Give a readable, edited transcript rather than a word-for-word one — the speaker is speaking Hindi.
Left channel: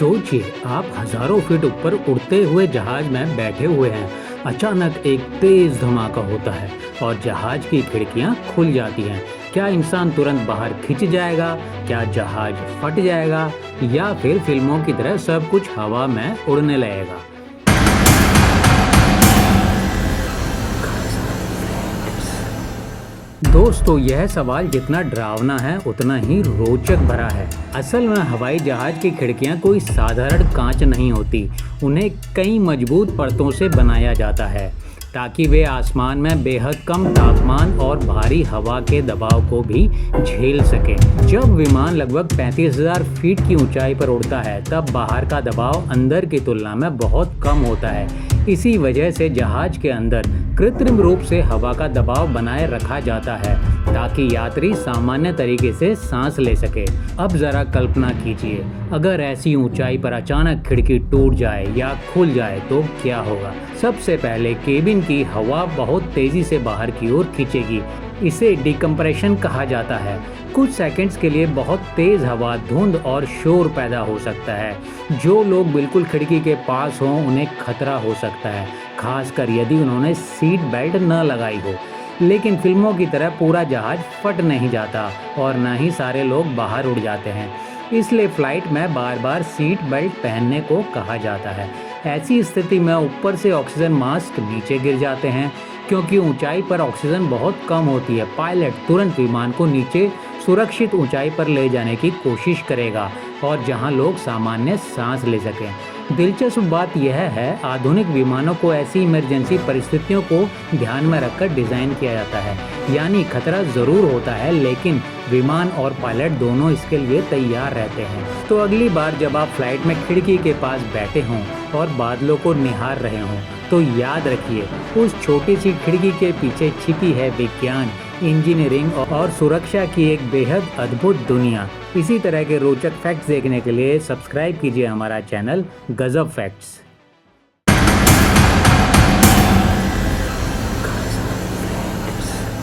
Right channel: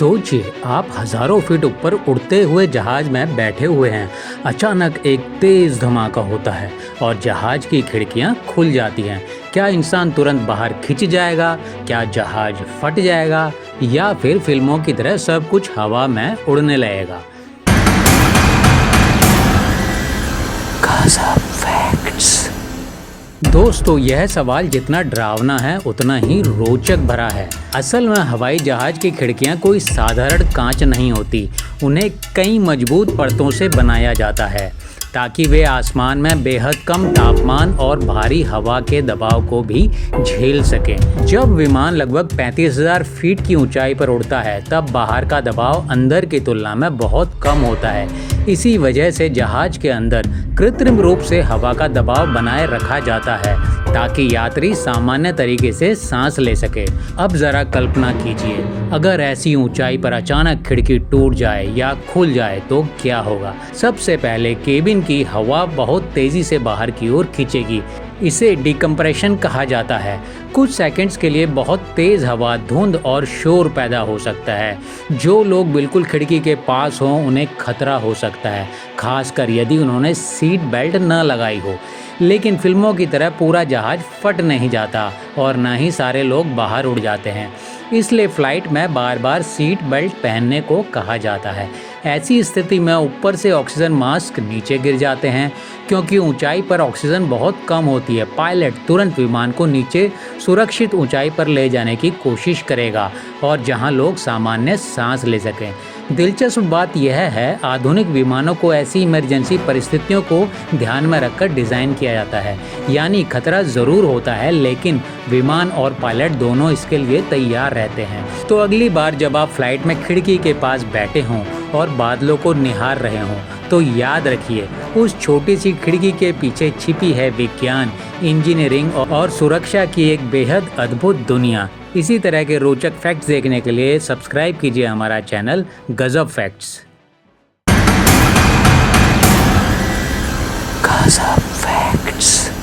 सोचिए आप हजारों फीट ऊपर उड़ते हुए जहाज में बैठे हुए हैं। अचानक एक तेज धमाका होता है और जहाज की खिड़कियां खुल जाती हैं। क्या इंसान तुरंत बाहर खिंच जाएगा? क्या जहाज फट जाएगा? या फिर फिल्मों की तरह सब कुछ हवा में उड़ने लगेगा? दोस्तों, यह सवाल जितना डरावना है उतना ही रोचक भरा है। असल में हवाई जहाज की खिड़कियां कोई साधारण कांच नहीं होती। उन्हें कई मजबूत परतों से बनाया जाता है ताकि वे आसमान में बेहद कम तापमान और भारी हवा के दबाव को भी झेल सकें। जब विमान लगभग 35,000 फीट की ऊंचाई पर उड़ता है तब बाहर का दबाव अंदर की तुलना में बहुत कम होता है। इसी वजह से जहाज के अंदर कृत्रिम रूप से हवा का दबाव बनाए रखा जाता है ताकि यात्री सामान्य तरीके से सांस ले सके। अब जरा कल्पना कीजिए, अगर ऐसी ऊंचाई पर अचानक खिड़की टूट जाए या खुल जाए तो क्या होगा? सबसे पहले केबिन की हवा बहुत तेजी से बाहर की ओर खींचेगी। इसे डिकम्प्रेशन कहा जाता है। कुछ सेकंड्स के लिए बहुत तेज हवा, धुंध और शोर पैदा हो सकता है। जो लोग बिल्कुल खिड़की के पास हों उन्हें खतरा हो सकता है, खासकर यदि उन्होंने सीट बेल्ट न लगाई हो। लेकिन फिल्मों की तरह पूरा जहाज फट नहीं जाता और ना ही सारे लोग बाहर उड़ जाते हैं। इसलिए फ्लाइट में बार बार सीट बेल्ट पहनने को कहा जाता है। ऐसी स्थिति में ऊपर से ऑक्सीजन मास्क नीचे गिर जाते हैं। क्योंकि ऊंचाई पर ऑक्सीजन बहुत कम होती है, पायलट तुरंत विमान को नीचे सुरक्षित ऊंचाई पर ले जाने की कोशिश करेगा और जहां लोग सामान्य सांस ले सकें। दिलचस्प बात यह है, आधुनिक विमानों को ऐसी इमरजेंसी परिस्थितियों को ध्यान में रखकर डिज़ाइन किया जाता है। यानी खतरा ज़रूर होता है लेकिन विमान और पायलट दोनों इसके लिए तैयार रहते हैं। तो अगली बार जब आप फ्लाइट में खिड़की के पास बैठे हों और बादलों को निहार रहे हों तो याद रखिए, उस छोटी सी खिड़की के पीछे छिपी है विज्ञान, इंजीनियरिंग और सुरक्षा की एक बेहद अद्भुत दुनिया। इसी तरह के रोचक फैक्ट्स देखने के लिए सब्सक्राइब कीजिए हमारा चैनल गजब फैक्ट्स। गजब फैक्ट्स।